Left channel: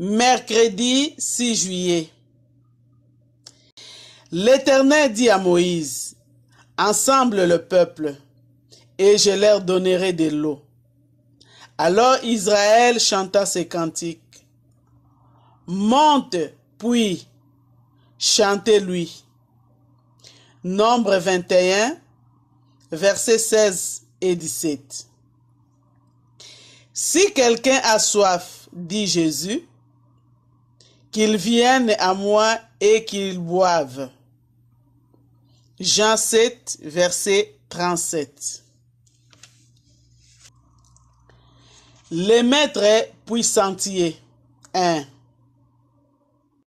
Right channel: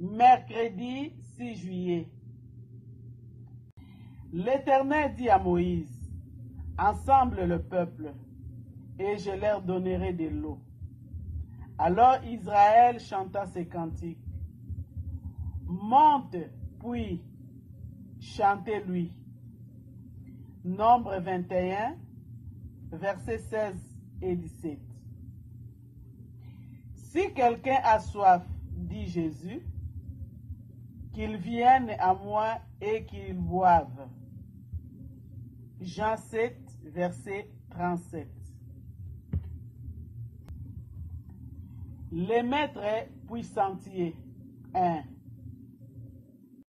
Mercredi 6 juillet. L'Éternel dit à Moïse, « Ensemble le peuple, et je leur donnerai de l'eau. » Alors Israël chanta ces cantiques. « Monte, puis, chantez-lui. » Nombre 21, versets 16 et 17. Si quelqu'un a soif, dit Jésus, qu'il vienne à moi et qu'il boive. Jean 7, verset 37. Les maîtres puissantiers. 1.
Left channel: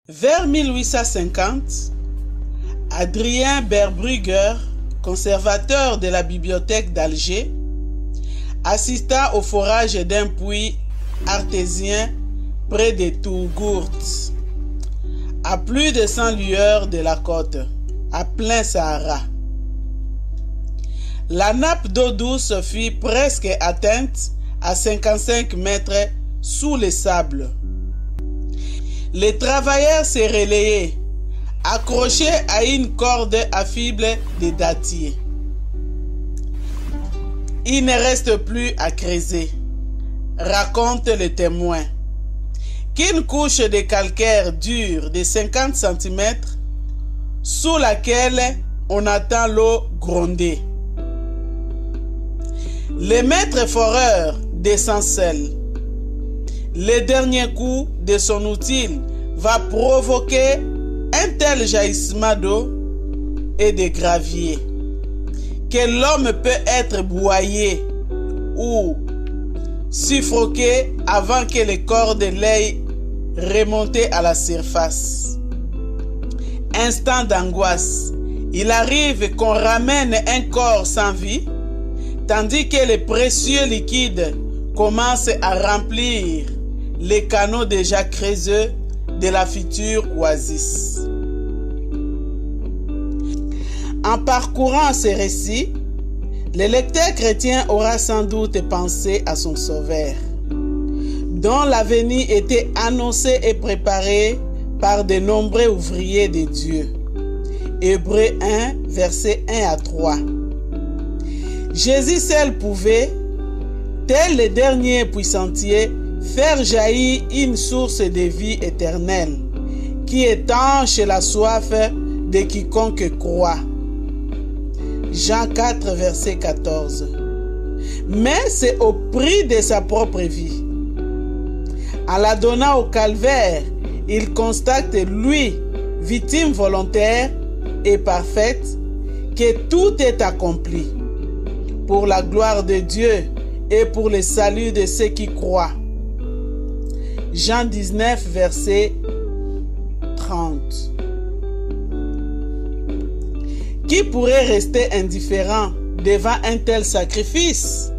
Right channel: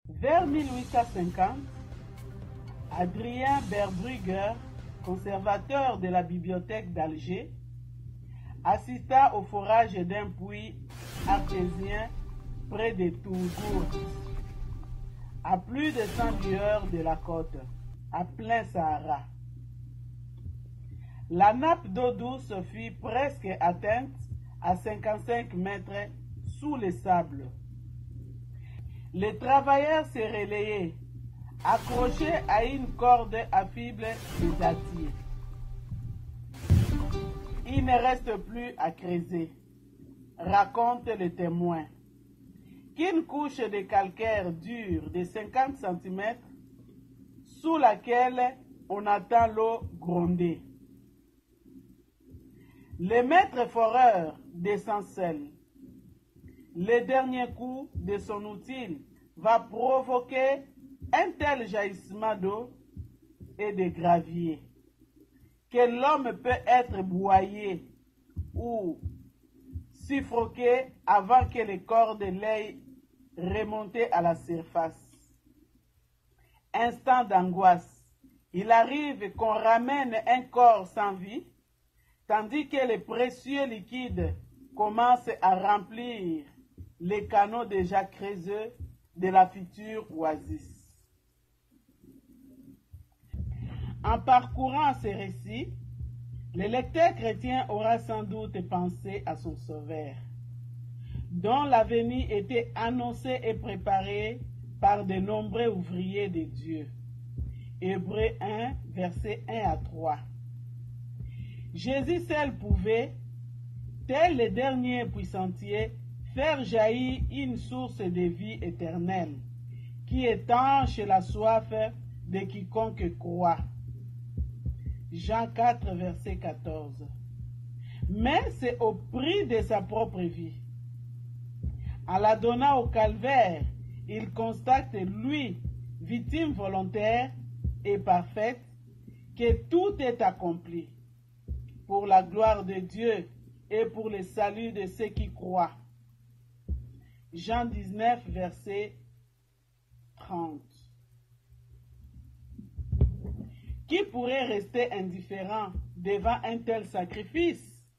Vers 1850, Adrien Berbrugger, conservateur de la bibliothèque d'Alger, assista au forage d'un puits artésien près de Tourgourt, à plus de 100 lueurs de la côte, à plein Sahara. La nappe d'eau douce fut presque atteinte à 55 mètres sous les sables. Les travailleurs se relayaient, accrochés à une corde à fibres de dattier. Il ne reste plus à creuser, raconte le témoin, qu'une couche de calcaire dure de 50 cm sous laquelle on attend l'eau gronder. Le maître foreur descend seul. Le dernier coup de son outil va provoquer un tel jaillissement d'eau et de gravier que l'homme peut être broyé ou suffoqué avant que les cordes l'aient remonté à la surface. Instant d'angoisse, il arrive qu'on ramène un corps sans vie, tandis que les précieux liquides commencent à remplir les canaux déjà creusés de la future oasis. En parcourant ce récit, le lecteur chrétien aura sans doute pensé à son Sauveur, dont l'avenir était annoncé et préparé par de nombreux ouvriers de Dieu. Hébreux 1, versets 1 à 3. Jésus seul pouvait, tel le dernier puissantier, faire jaillir une source de vie éternelle qui étanche la soif de quiconque croit. Jean 4, verset 14. Mais c'est au prix de sa propre vie. En la donnant au calvaire, il constate, lui, victime volontaire et parfaite, que tout est accompli pour la gloire de Dieu et pour le salut de ceux qui croient. Jean 19, verset 30. Qui pourrait rester indifférent devant un tel sacrifice?